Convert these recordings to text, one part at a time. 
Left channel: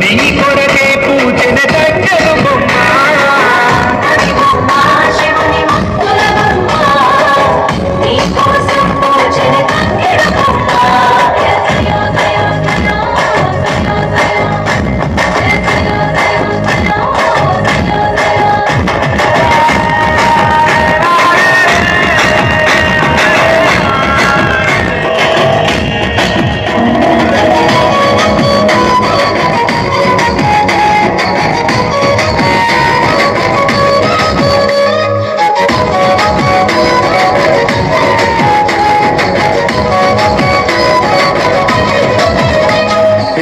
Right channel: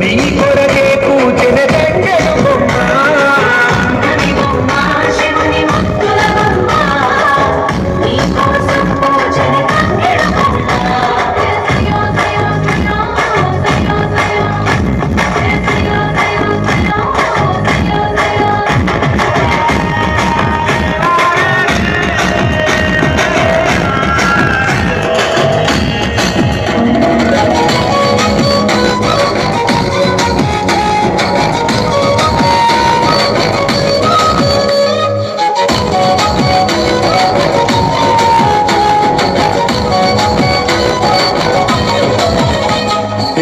నీ కొరకే పూజన తంగెడు బొమ్మ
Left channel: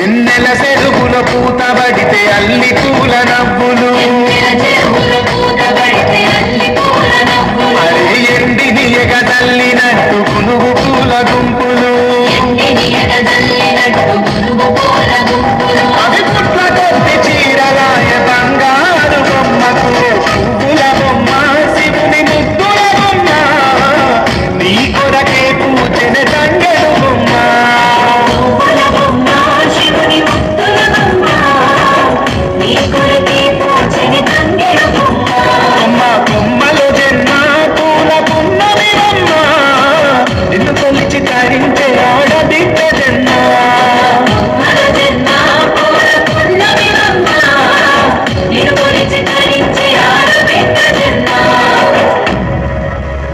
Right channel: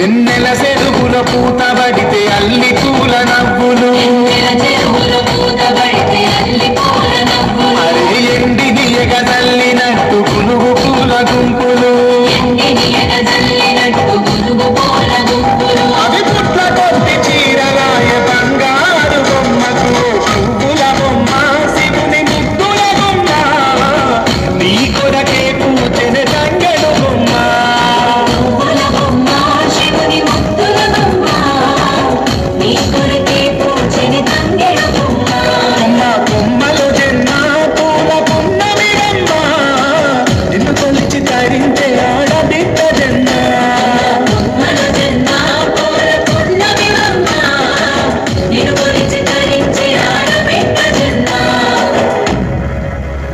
ఎన్నెల చెరువుల పూత పడితే అల్లి పూల నవ్వులు ఎండిని ఎగ చల్లినట్టు పులుగు పూల గుంపులు